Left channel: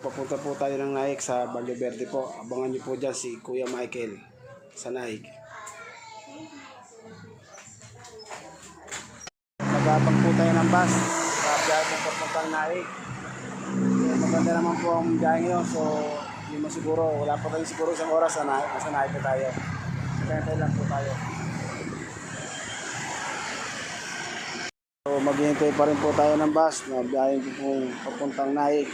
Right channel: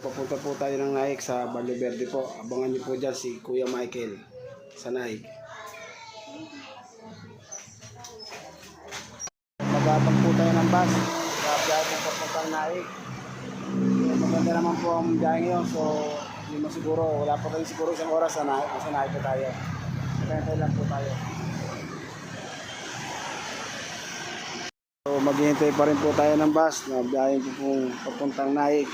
Papunta po tayo ng Naik sa Valle Verde po. Abangan niyo po dyan si Kuya Michael sa Naik. Magabang po tayo ng bus. Biyahe po papuntang Naik. So, maganda naman po ang biyahe ngayon. So, hindi mo siguro, wala pa rin siguro isang oras sa Naik. Nasa Naik po tayo. Kaya lang po tayo. So, maghihintay pa rin po tayo ng bus na biyahe po papuntang Naik.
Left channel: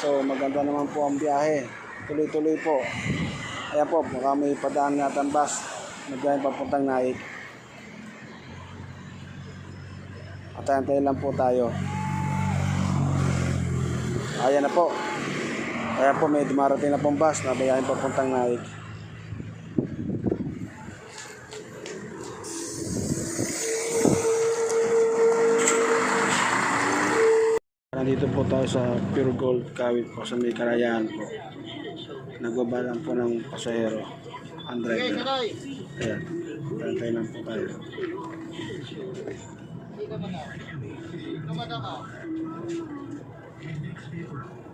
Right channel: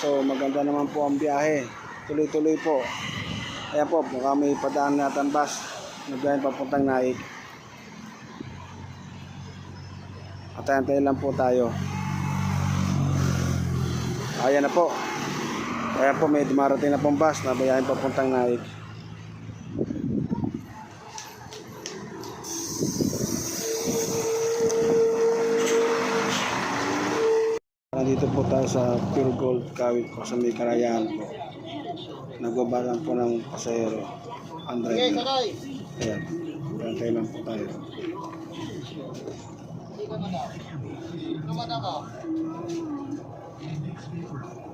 So maganda naman po ang biyahe. Tuloy-tuloy po. Ayan po, baka may padaan natin bus. Nagbiyahe papuntang Naik. At tayo lang po tayo. Ayan na po. Ayan po, may dumarating na pong bus na biyahe papuntang Naik. Nandito po tayo sa Pure Gold Kawit po sa may Kalayaan po. Nagbaba lang po ng pasahero. Ang driver. Ayan. Pantay lang po tayo.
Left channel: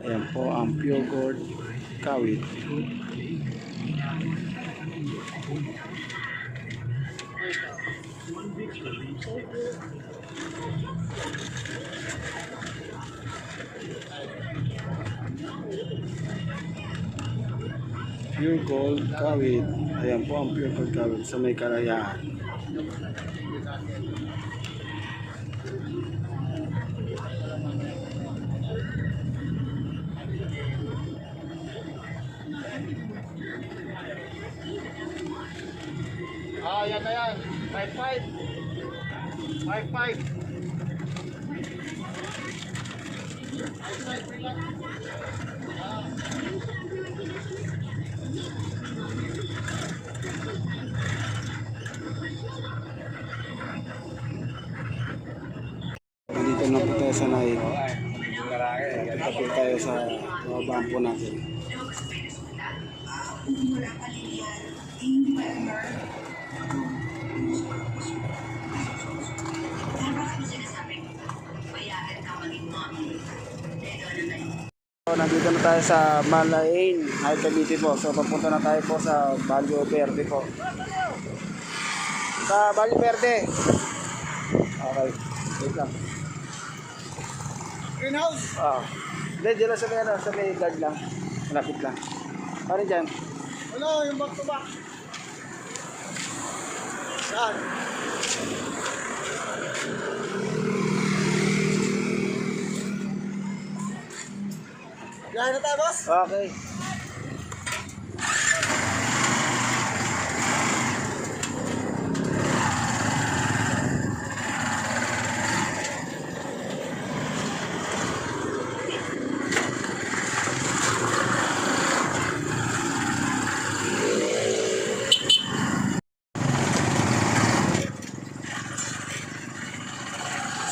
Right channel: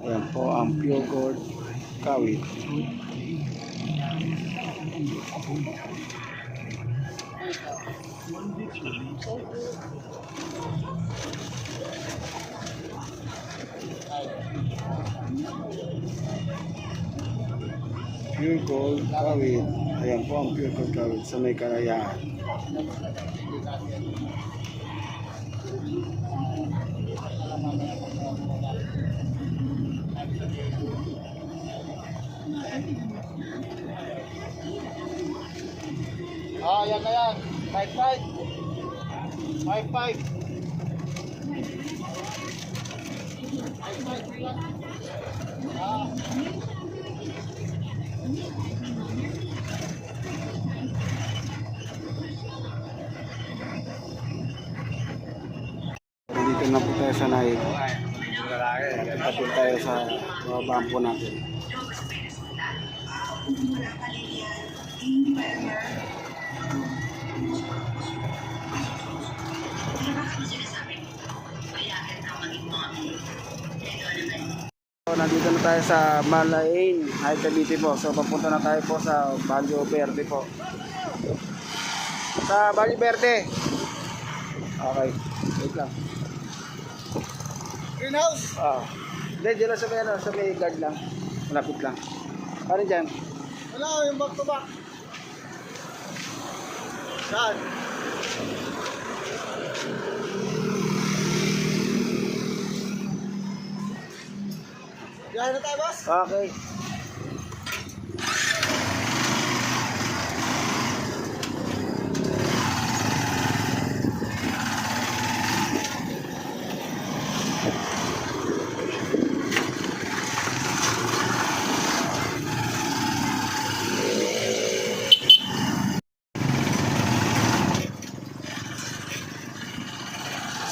Ayan po ang Pure Gold Kawit. Pure Gold Kawit. Ayan po ang Pure Gold Kawit sa may Kalayaan. Yan na yan. 5-5. 5-5. Dito na po tayo sa Naik. Tapos tayo sa babaan po natin. So, nandito na tayo sa Malain, High Cavite po. So papunta na tayo po sa Valle Verde po. Sa Valle Verde. Okay, wait lang. Greenhouse. Hindi, dyan lang sa may guard lang. Malapit lang. Ano dyan? Ano, yung back to back. Saan? Biyahe na tayo, boss? Okay.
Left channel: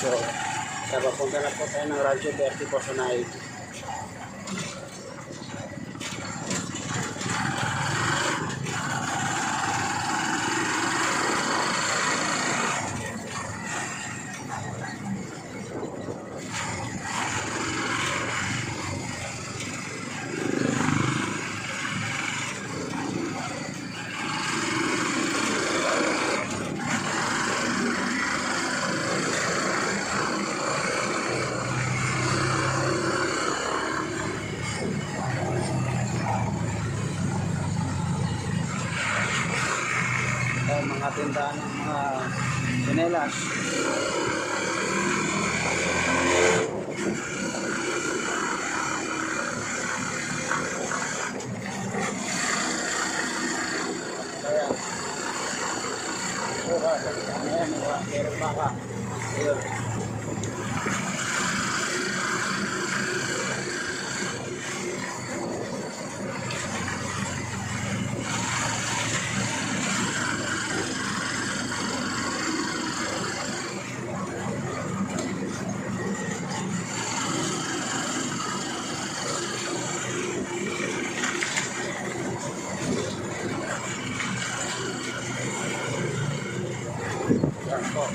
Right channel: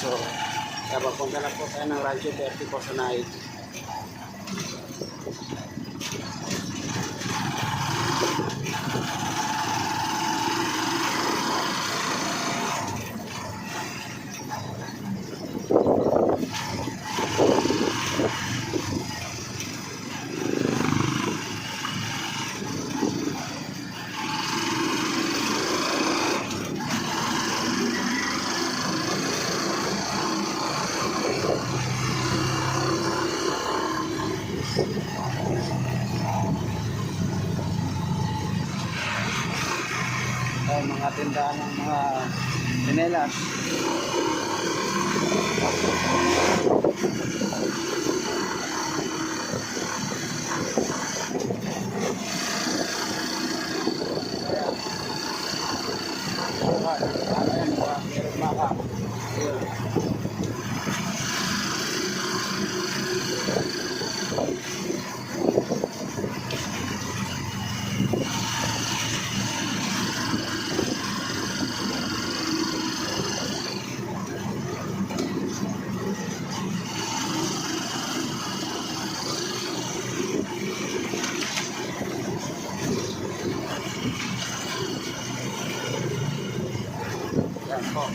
So, napapunta na po tayo ng Rancho Verde po sa Naik. Mga tindahan ng mga pinelas. Meron baka. Ayun. Yan po.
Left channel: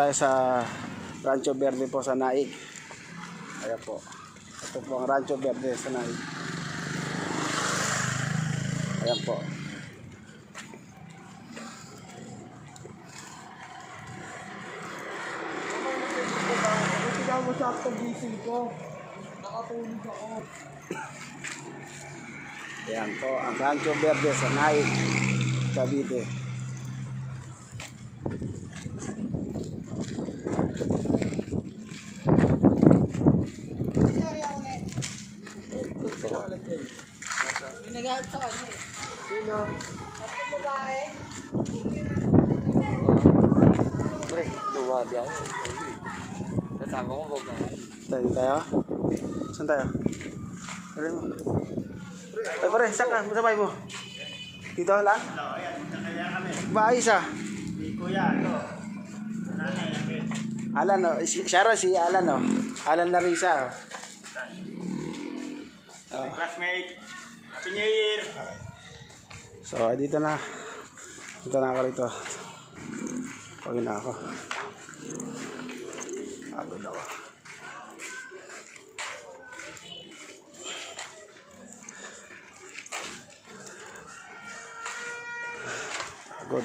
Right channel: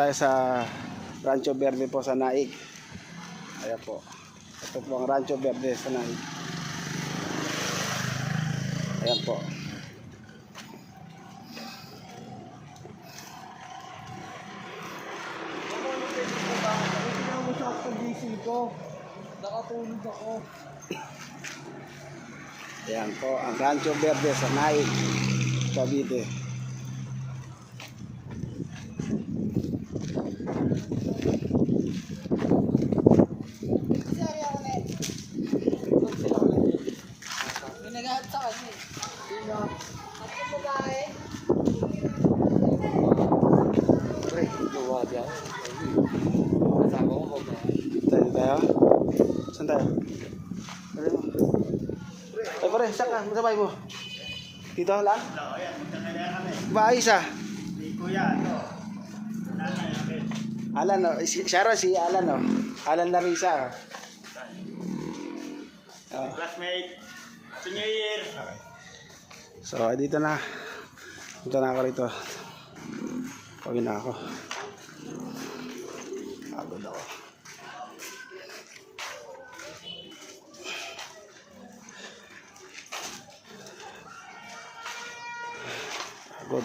tayo sa Rancho Verde po sa Naik. Ayan po. Ito po ang Rancho Verde sa Naik. Ayan po. Tingnan mo sa gising ko. Nakatulog ako. Ayan po ang Rancho Verde sa Naik, Cavite. Pinagahan sa kanya eh. Sino? At yung babae. Pre, luwa diyan. Kasama ko ba? Tayo? Saan tayo? Pare mo. Ay pare, saan ka? Masabay mo? Dito lang? Baayos ah. Kuya, ito. Alan o. Siya ro, si Alan o. Alan Larissa o. Classmate. Happy New Year. So, dito na. Dito na ako rito. Pagin na ako. Pagod ako. Pagod.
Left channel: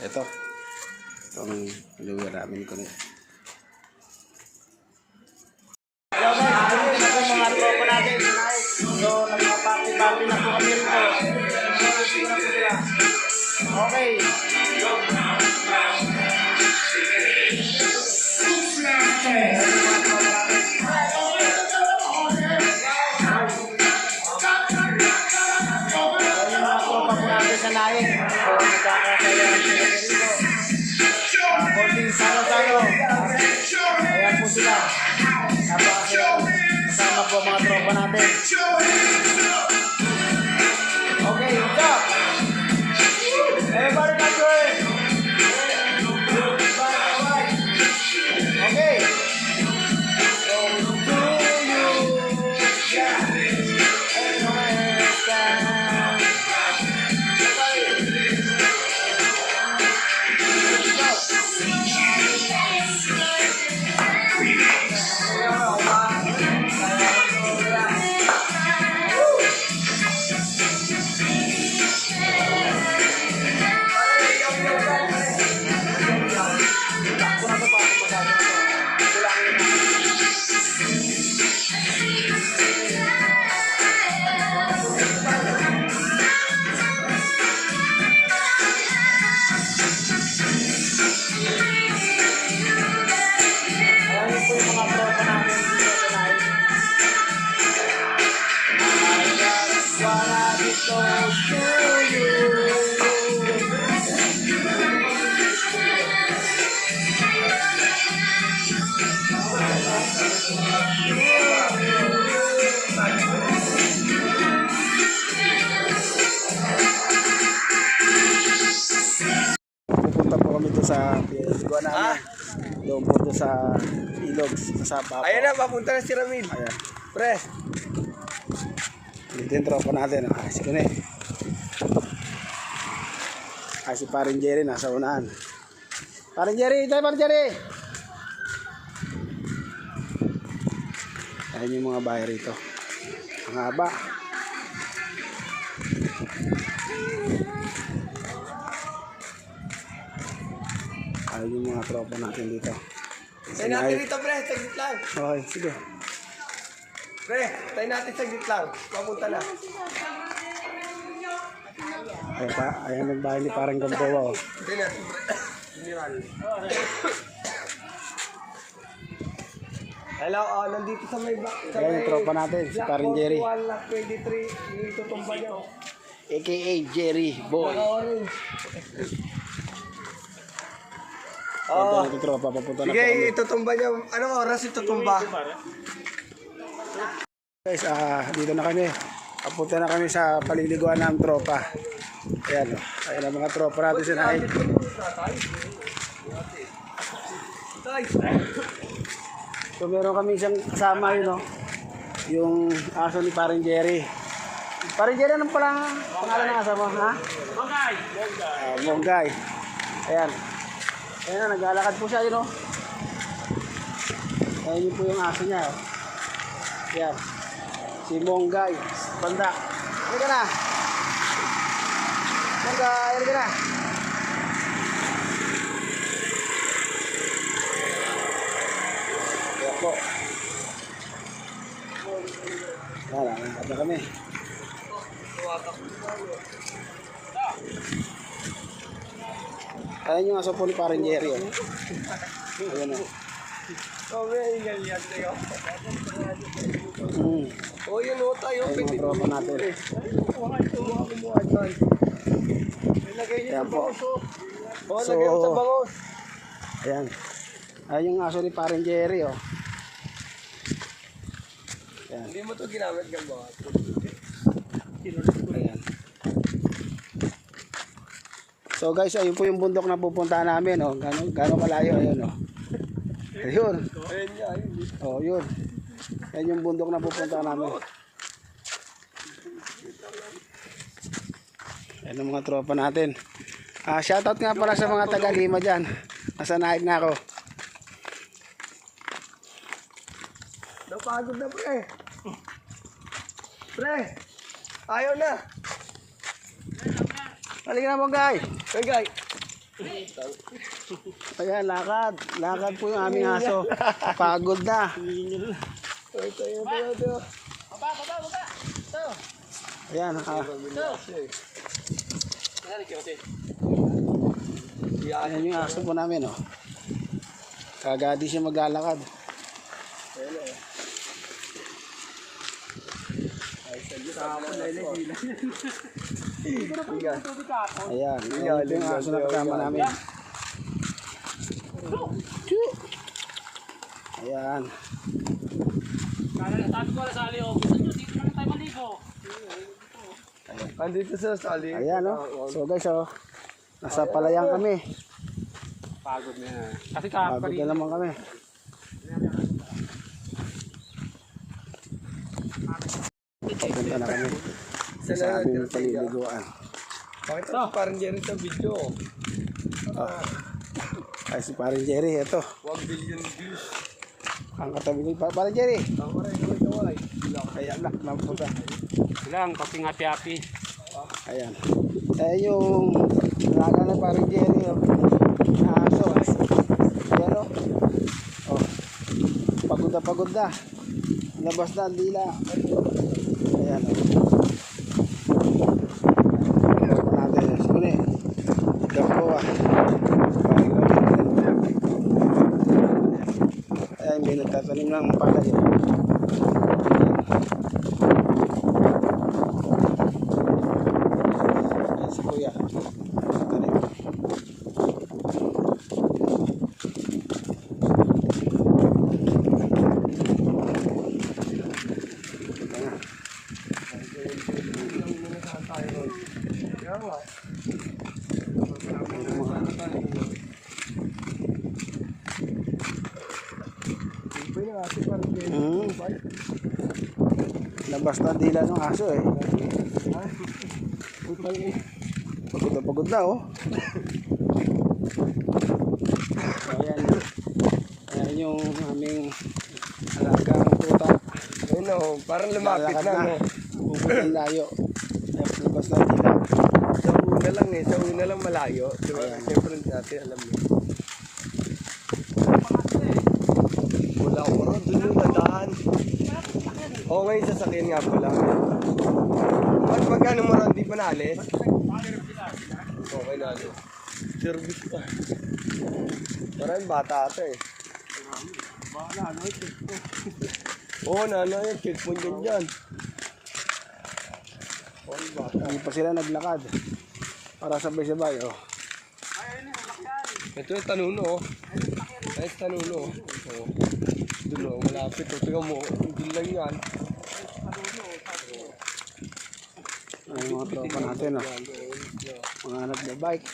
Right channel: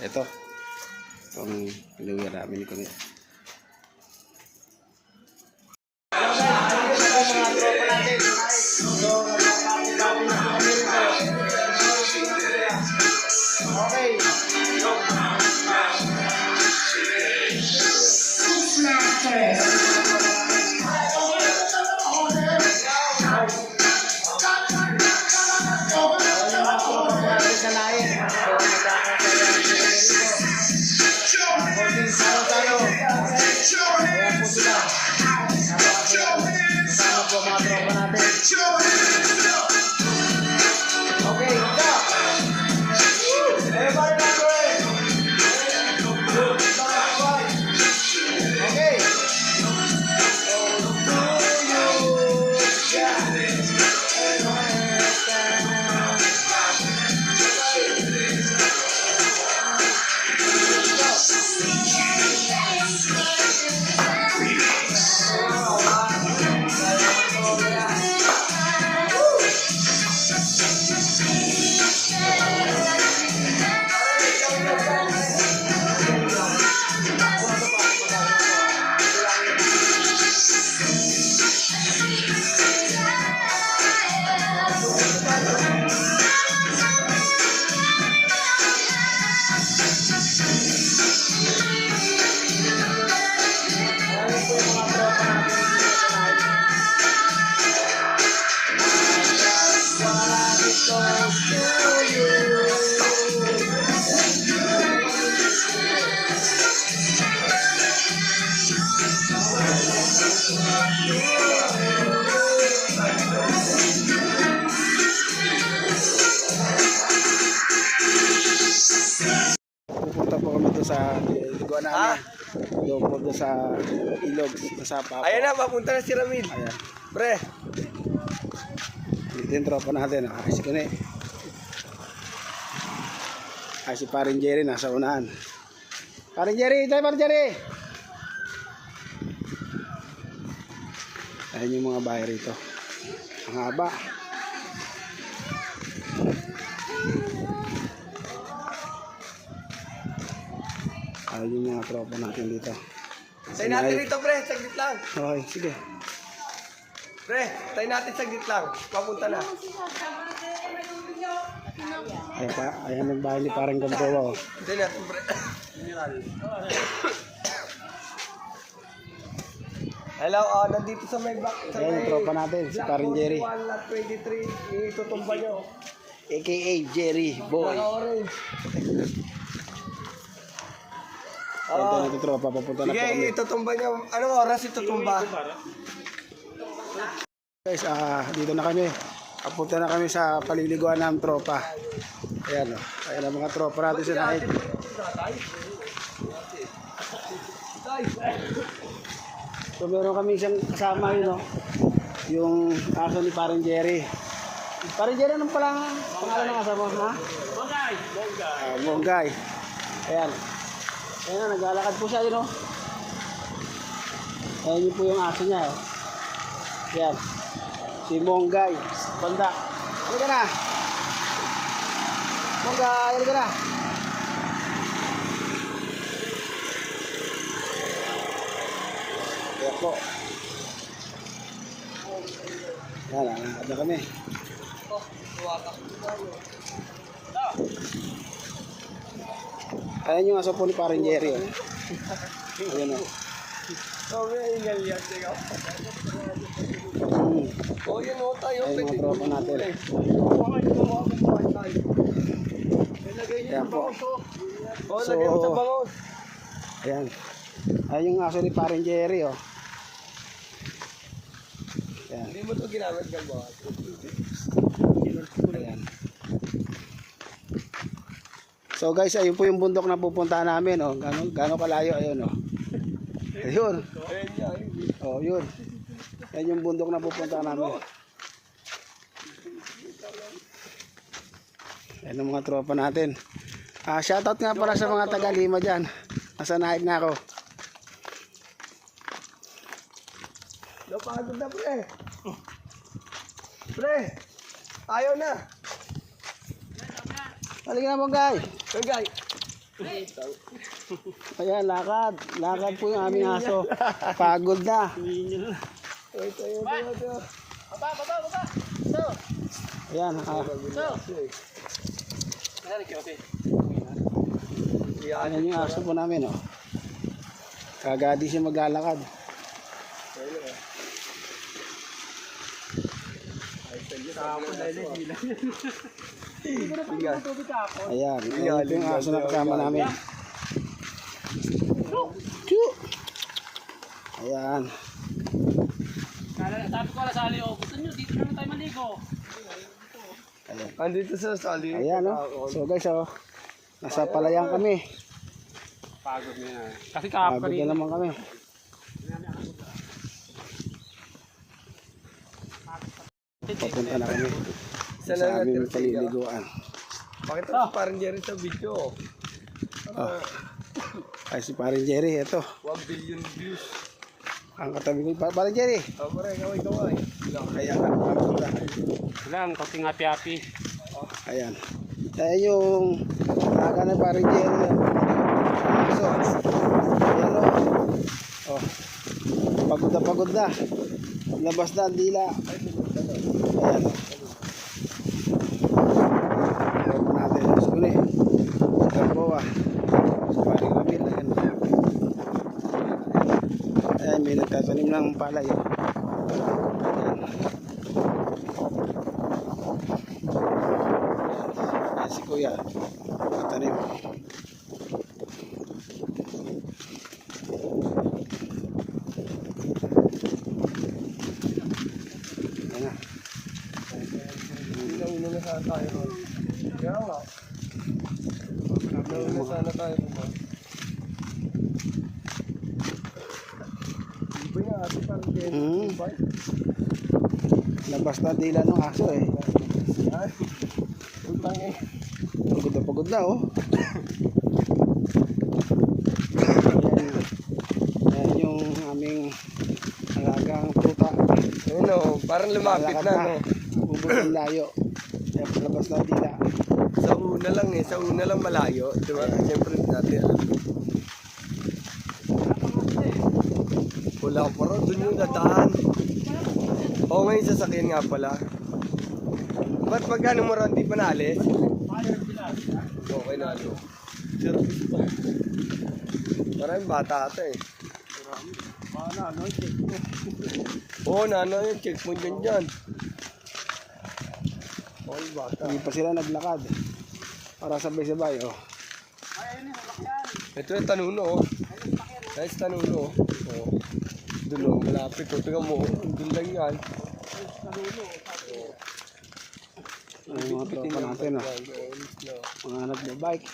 Ito. Itong lugar namin ko nito. Mga tropa natin. So, nagpa-party-party na po kami rito. Okay. Sa naik. So, magkakasaya ang sila dito. Konting salo-salo. Ayan po sila. Napakasaya. Kasama po mga tropa natin. Okay, go! Everybody not going! Okay. So, to you. Yeah. Pupunta po kami doon sa liguan namin. Doon po doon sa ilog, sa Sapa po. Ayan na, papunta na si Ramil. Ayan. Pre, Dito yung tropa natin. Si Kene. Si Parin Jerry nasa unahan. Parin Jerry! Tayo Parin Jerry! Ayan yung mga bahay rito. Ang haba. Ayan yung mga tropa natin dito. tayo natin dito pre, saglit lang. Okay, sige. Pre, tayo natin saglit lang. Papunta na. Ayan pa, ayan ang bahay ni Parang Gamboa. Tayo natin pre. Hello, nandito sa may back. Sa Ayan yung tropa natin, si Parin Jerry. 23, itutumba nyo. AKA Jerry Boy. Orange. Ayan yung tropa, papunta na po Sige, kami. itutumba nyo. Anong oras itutumba? Guys, dito na kami. Papunta na kami sa paliliguan ng tropa. Ayan o. Ayan ang mga tropa natin sa Naik. So meron kami isang kasama yun o. Yung aso ni Paring Jerry. Paring Jerry, anong pala pangalan ng aso mo? Ha? Monggay. Monggay. Ayan. Ayan, naglalakad po siya, yun o. Ayan yun po yung aso niya. Oh. Yan. Si Monggay. Banda. Ano ka na? Monggay, ano ka na? Kaya po. Yan, nangangkat na kami. Ayan yung aso po ni Parang Jerry. Oh. Ayan o. Oh, may ingal yan. Oh, yan o tayo. Ayan mga tropa natin. Ayan po. Oh, lagyan mo sa bangos. Ayan. Ayan yung aso ni Parang Jerry. Oh. Ayan. Hindi mo to ginamit galbawa. Ayan. So guys, ayun po yung bundok na pupuntahan namin. Oh. Gano'ng kalayo. Ayun. Oh. Ayun. Ayan niya. Oh, yun. Yan yung bundok na pupuntahan namin. Yan ang mga tropa natin. Shoutout nga pala sa mga taga-Lima dyan. Nasa naik na ako. Napagod na pre. Pre. Ayaw na. Halika na Monggay. Hey guy. Ayan, lakad. Lakad po yung aming aso. Pagod na. Tayo. Baba. So. Ayan. Ayan yung aso po namin. Oh. Kagadi siya maglalakad. Ayan. Ayan po yung aso na kasama namin. Ayan. Sabi ko na sa ali, oh. Gusto nyo, dito na tayo maligo. Andito sa sali. Ayan, oh. So guys, oh. Nasa palayan kami. Pagod na yan. Kasi Pagod na naman kami. Papunta na kami Isa sa na aming natin. paliliguan. Pakita mo parang Jerry sa video. Ay si Parang Jerry, ito. 1 billion views. Ang katabi ko, Parang Jerry. Tama rin, kaway. Kaya na, papunta. Lang, kasing happy-happy. Ayan. Ayan yung naga na Parang Jerry. So, ayan o. Oh. Pagod na. Labas na ang dila. Ayan. Hello pa natin. Suli. Gampo ah. Ayan, may nagtatanim ng palay. Ayan si Kuya. Nagtatanim. Labas na dila ng aso eh. Pagod na oh. Ayan yung aming alagang tuta. Ayun o, parang lumapit Lalakad na. na. No? Ubus ang layo. Labas na dila. Sa una lang malayo. Diba? Siyempre dati. Wala ko parang doon yung gatahan. Oo, ngayon sasakyan nga pala. Ba't magkano mo ron? Di pa naalis? Okay na alis. Service pa. Maraming bata ata eh. Oo, nano yung checkpoint dyan. All bata. Hindi pa sila naglakad. Para sabay-sabay oh. Ito yung tanuno oh. Nice tanuno oh. Oh. Doon oh, malapit oh. Tingnan mo, doon lang yan. Ay, mga tropa natin oh. Mga nagbabike.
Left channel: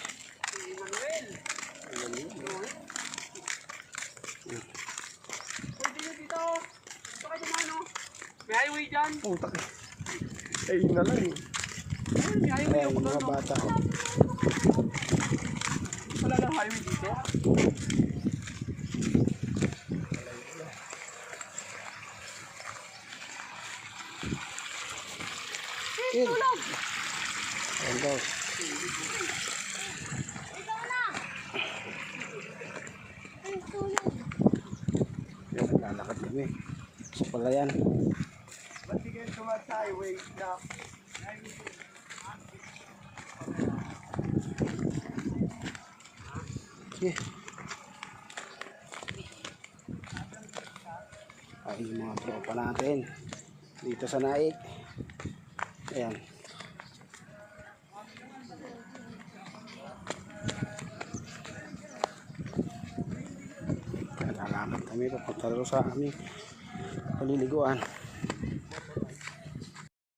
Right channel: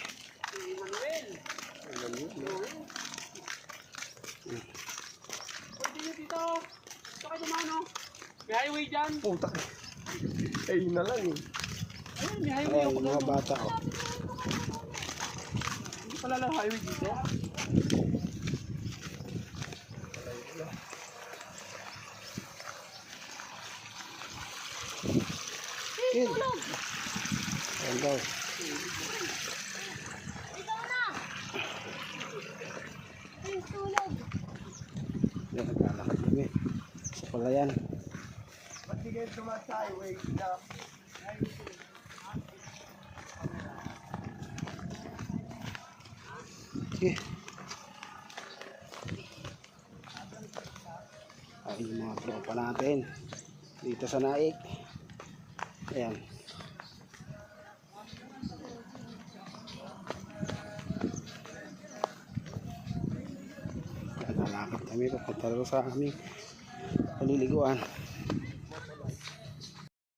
Pwede nyo dito. Gusto kayo naman, oh. May highway dyan. Putak. Ay, yun na lang eh. May highway Ayan, ako mga doon, oh. bata oh. Wala lang highway dito. Kid. Ayan daw. Yan, naglalakad kami. So pala yan. Ba't di kayo tumat sa highway? Okay. Ay, yung mga tropa natin dito sa Naik. Ayan. Lalakad kami papunta sa aming paliliguan.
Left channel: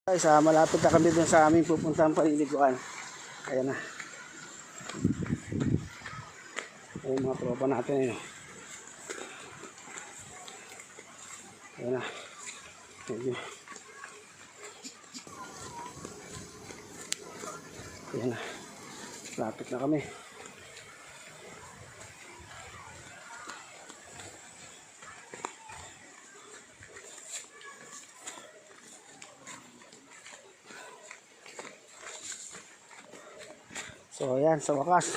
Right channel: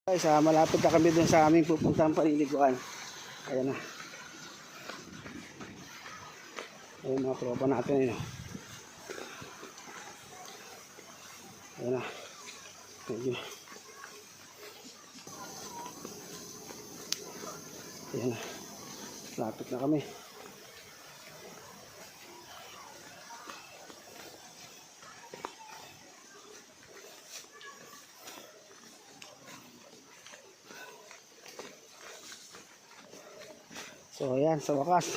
Guys, malapit na kami dun sa aming pupuntang paliliguan. Ayan na. Ayan mga tropa natin eh. Ayan na. Ayan. Ayan na. Lapit na kami. So ayan, sa wakas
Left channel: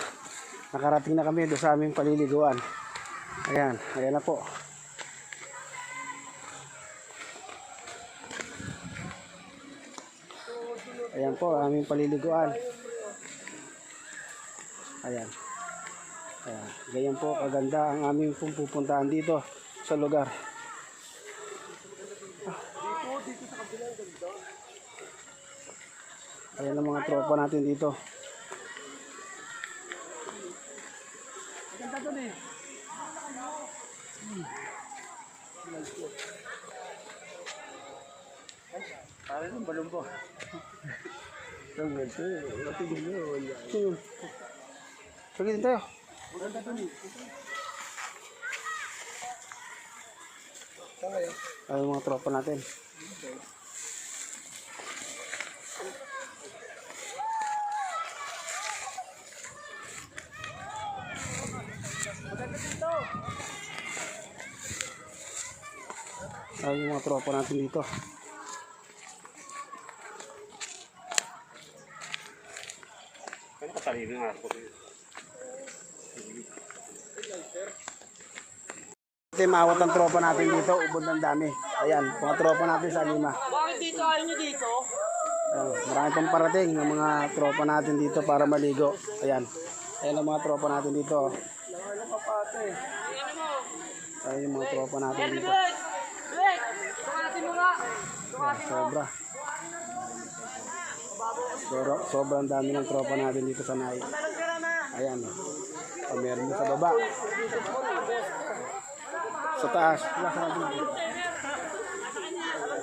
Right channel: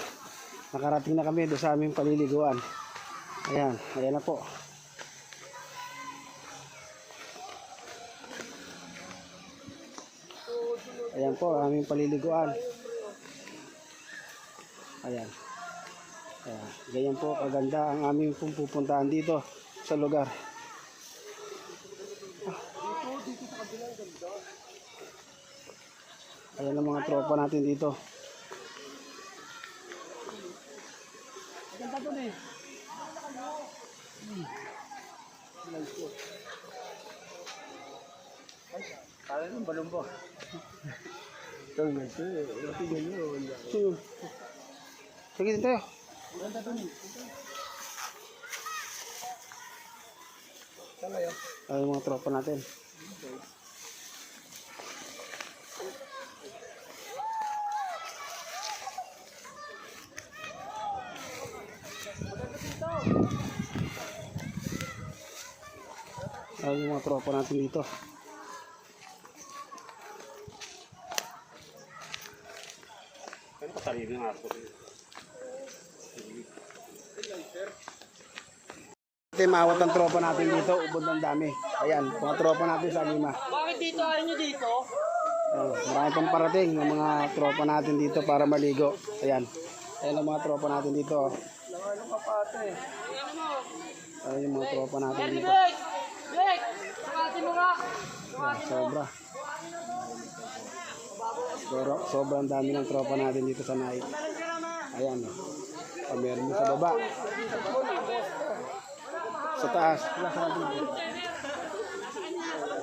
nakarating na kami doon sa aming paliliguan. Ayan, ayan na po. Ayan po aming paliliguan. Ayan. Ayan, ganyan po kaganda ang aming pupuntahan dito sa lugar. Ayan ang mga tropa natin dito. Ganda doon eh. Parang yung balong po. Ito nga ito eh. Ito nga yun. Sige din tayo. Ganda doon eh. Saan kayo? Ayan ang mga tropa natin. Ayan yung mga tropa natin dito. Ano katalino yung ako dito? Ito yung maawat ng tropa natin dito. Ubod ng dami. Ayan, mga tropa natin sa Lima. Bakit dito? Ayaw nyo dito? Marami pang parating ng mga tropa natin dito para maligo. Ayan. Ayan ang mga tropa natin dito. Ayan yung mga tropa natin dito. Blake! Sarati mo nga! Ayan, sobra. Sobrang dami ng tropa natin dito sa Naik. Ayan. Meron din sa baba. Sa taas.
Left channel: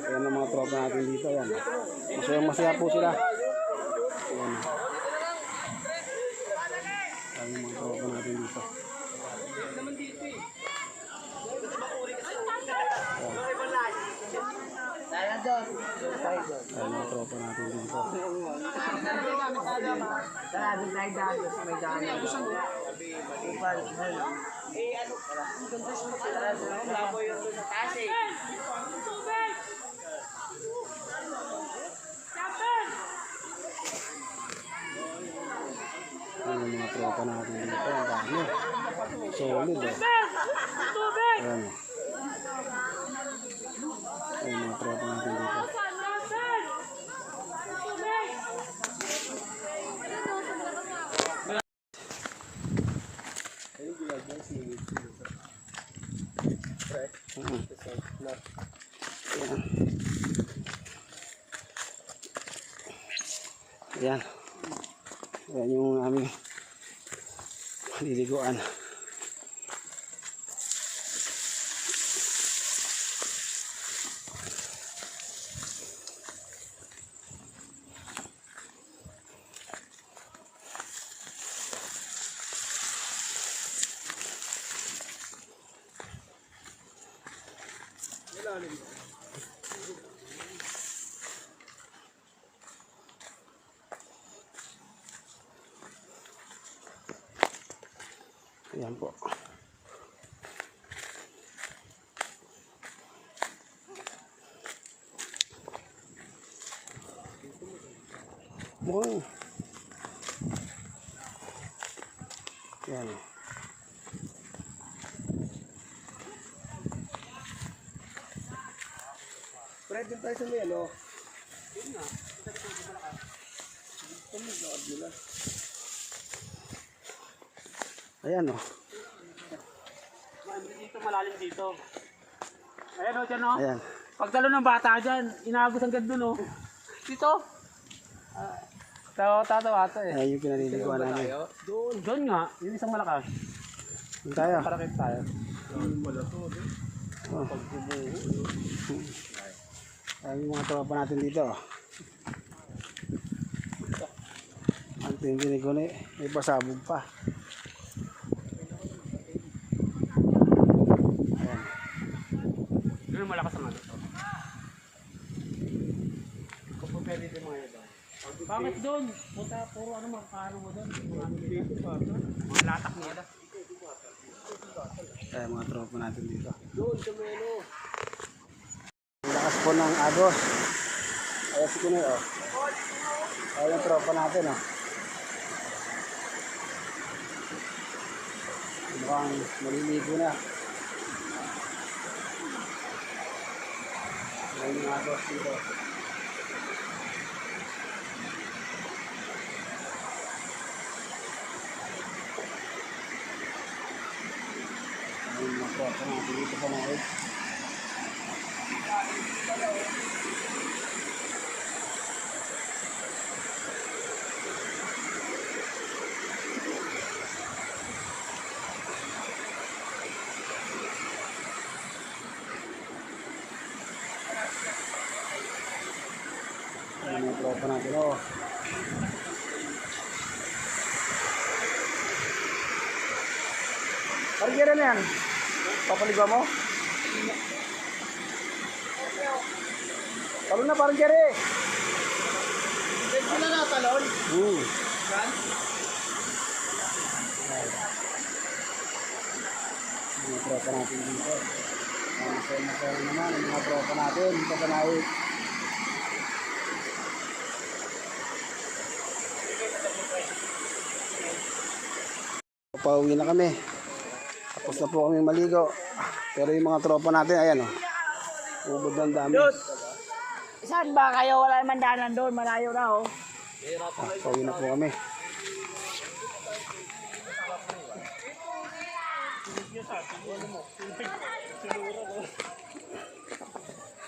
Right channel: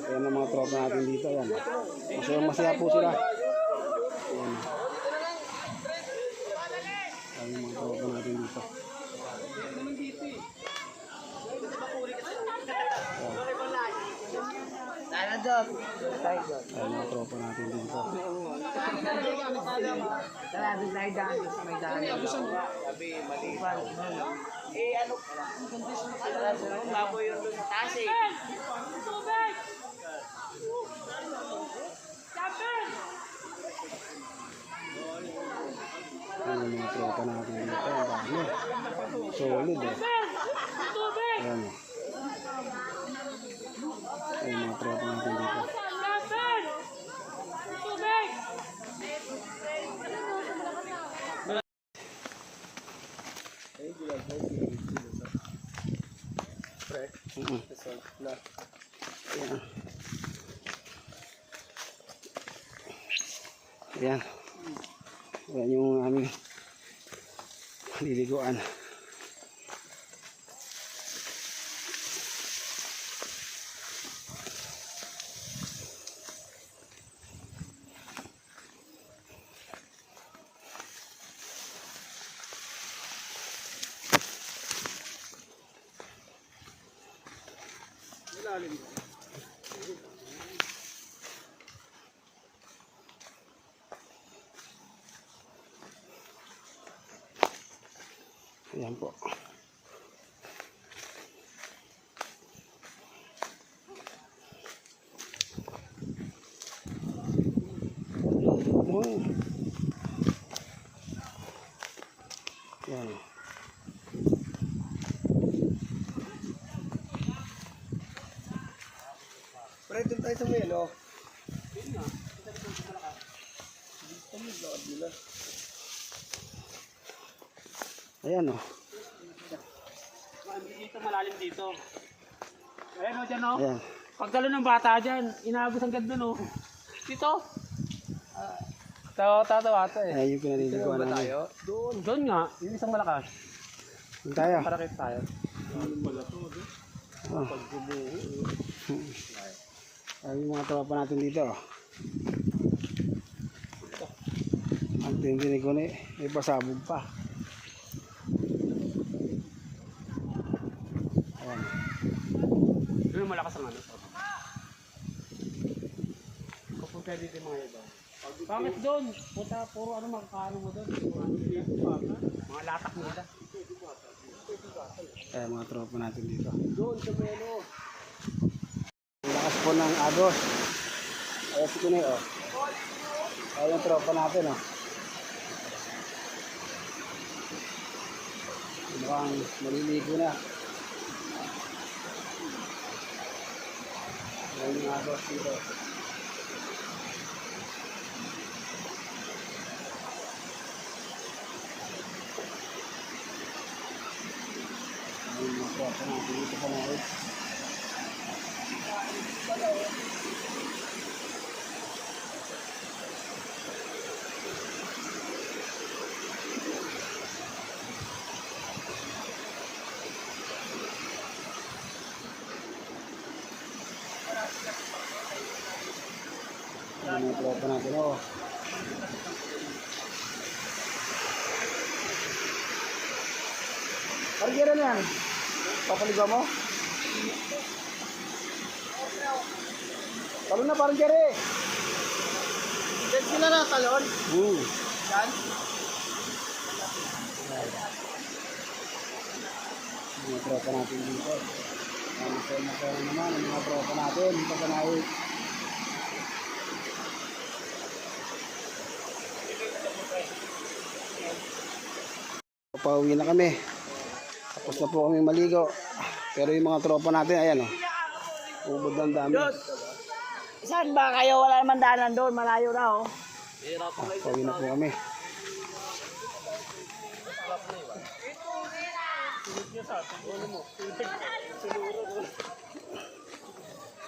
Ayan ang mga tropa natin dito. Ayan. Masaya po sila. Ayan. Ayan ang mga tropa natin dito. Dahil doon. Ayan mga tropa natin dito. Dahil doon tayo dahil sa may dahil. Eh ano? Baboy yun doon sa taas eh. Ayan yung mga tropa natin dito. Ang dami. Solid eh. Ayan o. Ayan yung mga tropa natin dito. Ayan. Ayan. Ayan yung aming maliliguan. Ayan po. Oh. Yan. Pre, doon tayo sa may ano. Ayan o. Dito malalim dito. Ayan o, dyan o. Ayan. Pagdalo ng bata dyan, inagos ang ganda no. Dito. Tatawa ito eh. Ayan yung pinaliliguan namin. Doon nga, yung isang malakas. Doon tayo. Parakit tayo. Oh. Ayan yung mga tropa natin dito. Ang tindinig ko na eh. May pasabog pa. Ayan. Doon ang malakas ang ano. Kung pwede din mga iba. Bakit doon? Puta, puro ano makakaano mo doon? Mga latak nila. Ayan mga tropa natin dito. Doon sa may ano. Ang lakas po ng agos. Ayan si Kunoy oh. Ayan yung tropa natin oh. Mukhang maliligo na. Ayan yung agos dito. Ayan yung tropa natin dito pa na eh. Ayan yung tropa natin oh. Parang gera na yan. Papaligaw mo? Talon na parang gera eh. Pwede sila na talon. Yan. Mga tropa natin dito. Masaya naman ang mga tropa natin. Pagkanaik. Pauwi na kami. Tapos na po kami maligo. Pero yung mga tropa natin, ayan o. Ubod ng dami. Saan ba kayo? Wala naman daanan doon. Malayo na oh. Pauwi na po kami.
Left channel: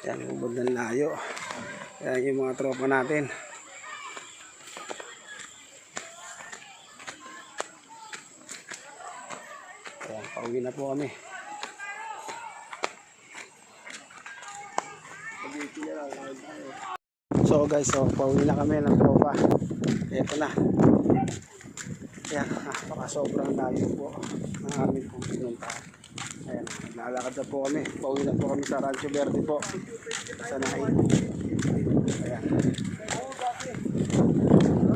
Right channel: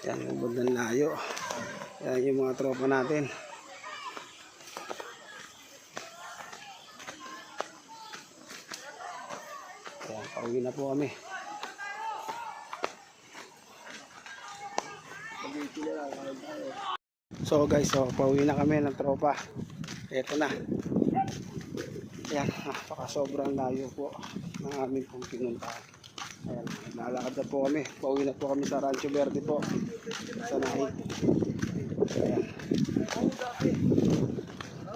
Yan, ubod ng layo. Yan yung mga tropa natin. Ayan, pauwi na po kami. So guys, so pauwi na kami ng tropa. Ito na. Ayan, napaka sobrang layo po ng aming pong pinuntahan. Ayan, lalakad na po kami. Pauwi na po kami sa Rancho Verde po. Sa Naik. Ayan.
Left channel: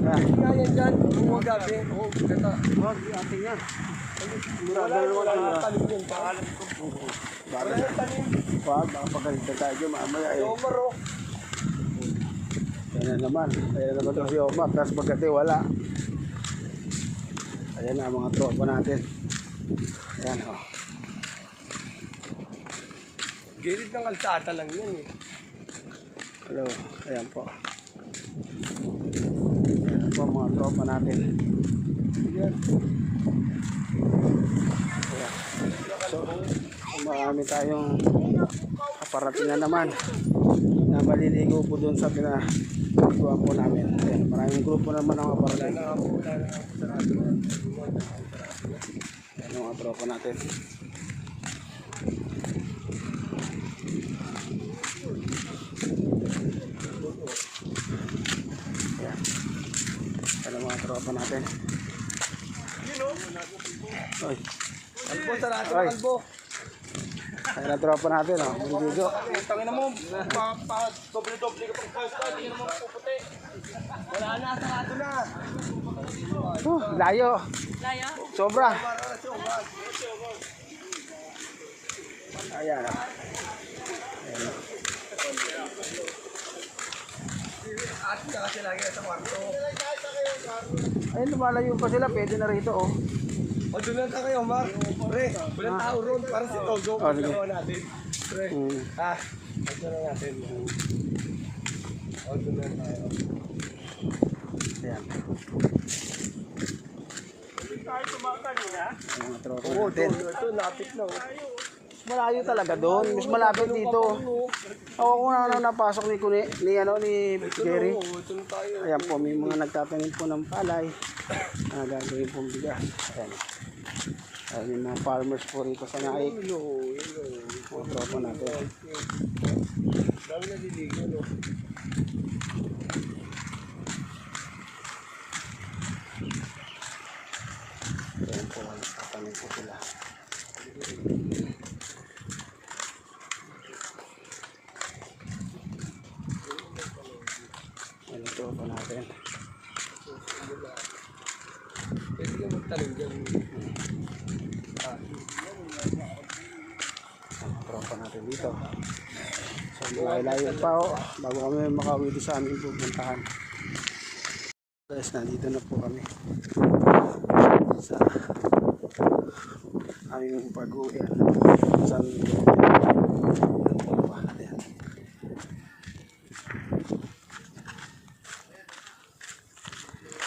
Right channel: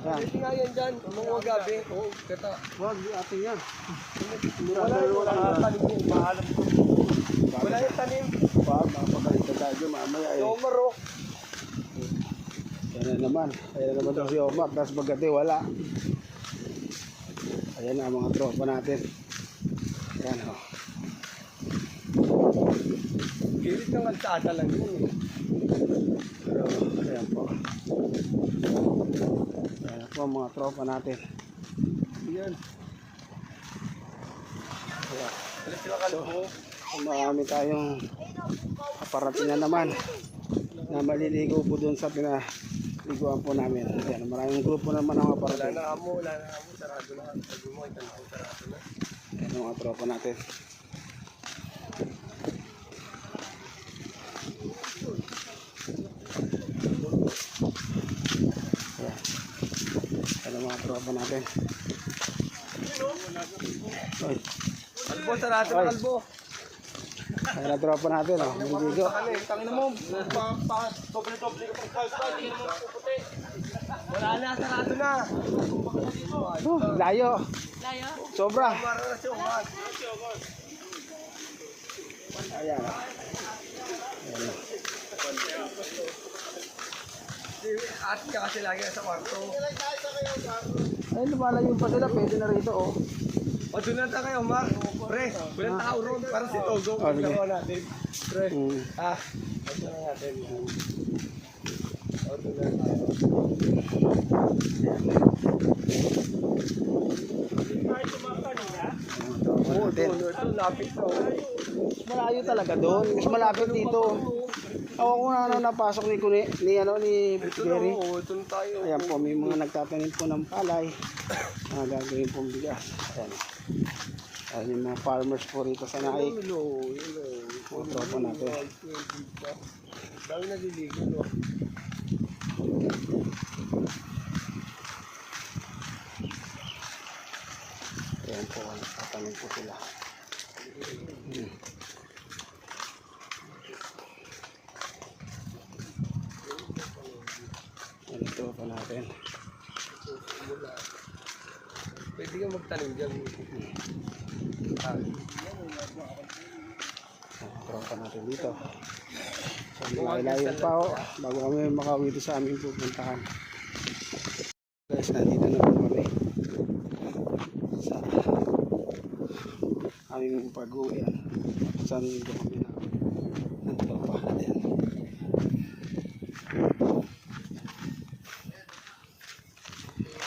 Ayan. Nga yan dyan. Mga gabi. Oo, gata. Huwag, ating yan. Wala yung tanim yun. Maalam ko. Wala yung tanim. Huwag, makapagalitan tayo mamaya eh. Omar oh. Ayan na naman. Ayan na naman ito si Omar. Tapos pagkati wala. Ayan na ang mga tropa natin. Ayan o. Gilid ng kalsada lang yan eh. Pero, ayan po. Ayan po ang mga tropa natin. Yan. Ayan. So, marami tayong kaparating na naman na maliligo po dun sa pinaliguan po namin. Ayan, maraming grupo naman ang kaparating. Wala na ako. Sarado na. Ayan ang mga tropa natin. Ayan. Ayan ang mga tropa natin. Oy. Kalbo, sarado na Ay. kalbo. Ayan ang tropa natin. Oh. Maliligo. Tangin na mo. Doble-doble ka pang kalsada. Hindi naman puputi. Wala na, sarado na. Layo. Layo? Sobra. Para na siya, Omar. Ayan. At niya kasi lagi sa kwarto. Ay, lumalayo pa sila. Pwede na rito, oh. O, doon na tayo, Omar. Pre, walang tao ron para si Togo. Oh, sige. Gagawa natin. Pre, Mm. ito na natin. O, doon na tayo. Oo, doon. Ito, lapit na. Mas malayo talaga doon. Mas malapit dito. Ako kung ano napasok ni Jerry. Ito na tayo. Ayan po, may mga nagtatanim po ng palay. Gagawin pong bigas. Ayan. Ayan yung mga farmers po rito sa Naik. Mga tropa natin. Dami na diligo, no? Ayan po, nagtatanim po sila. Ayan yung tropa natin. Pwede ka magtanim dyan. Ang tropa natin dito. So, malayo pa ho. Bago kami makauwi dito sa aming pupuntahan. Guys, nandito na po kami. Sa aming pag-uwi. Saan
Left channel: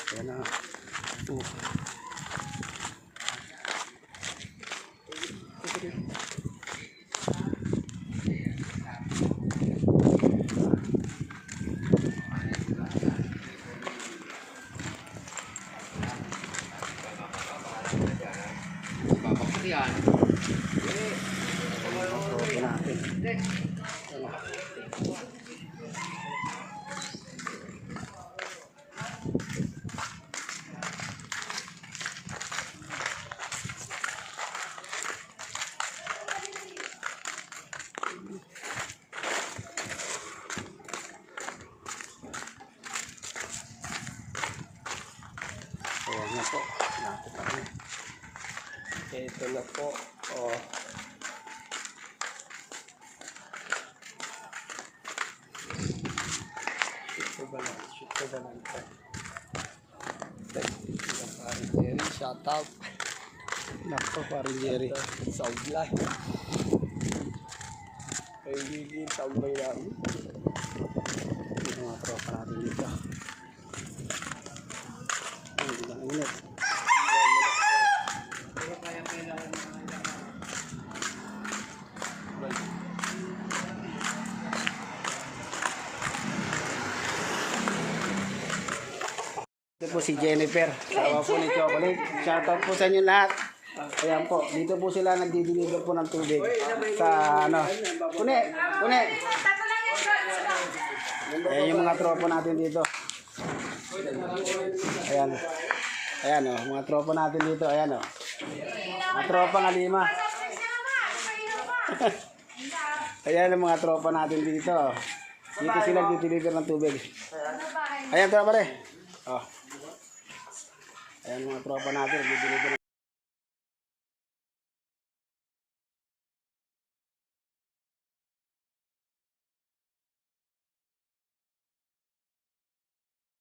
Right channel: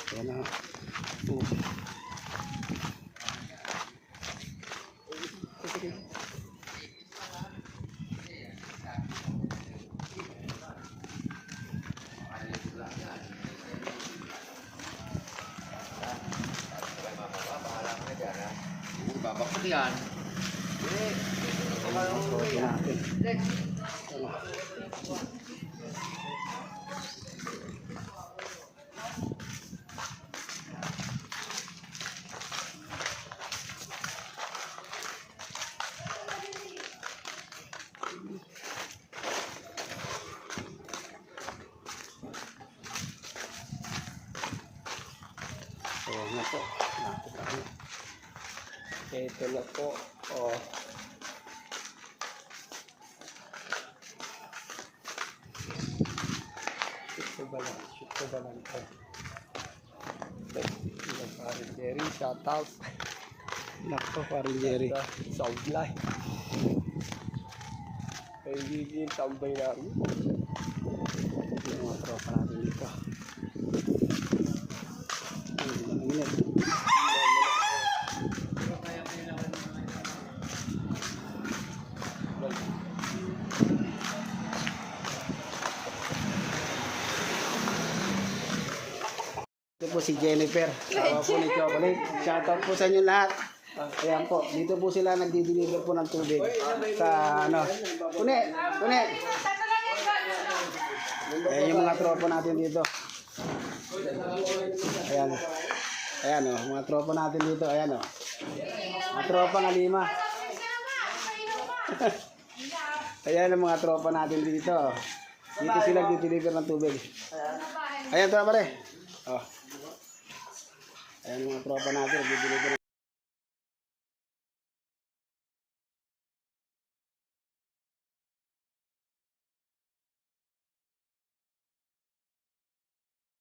Ayan na. Tropa natin. Ayan na po. Napit kami. Ito na po. Oh. Shoot ko ba lang ito? Jerry, shout out. Nakpo parin Jerry. Sound line. Kailigin, tambay namin. Yung mga tropa natin dito. Ang init. Ito po si Jennifer, sawa po ni Chocolate. Shoutout po sa inyo lahat. Ayan po, dito po sila nagdi-deliver po ng tubig. Sa ano, Pune. Ayan yung mga tropa natin dito. Ayan. Ayan o, mga tropa natin dito. Ayan o. Mga tropa nga 5. Ayan ang mga tropa natin dito. Dito sila nagdi-deliver ng tubig. Ayan tropa pare. Oh. Ayan mga tropa natin, nagdi-deliver